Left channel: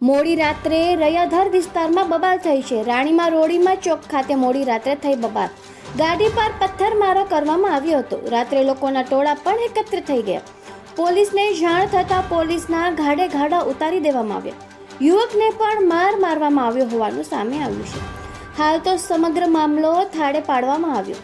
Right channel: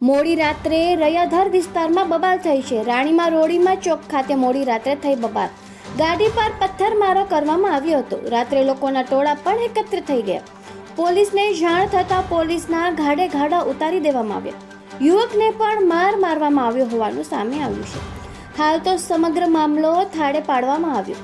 મોડી રાત્રે રયાધર વિસ્તારમાં બબાલ થઈ છે. રાણીમાં રોડીમાં ચોક ખાતે મોડી રાત્રે થઈ બબાલ. ગાડી પર પથ્થરમારો કરવામાં આવ્યો હતો. રાત્રે લોકોના ટોળા પણ એકત્ર થઈ ગયા. પોલીસને જાણ થતાં પોલીસના ઘાડે ઘાડા ઉતારી દેવામાં આવ્યા. યુવકને પણ માર મારવામાં આવ્યો હોવાનું સામે આવ્યું છે. હાલ તો સમગ્ર મામલો થાળે પાડવામાં આવ્યો.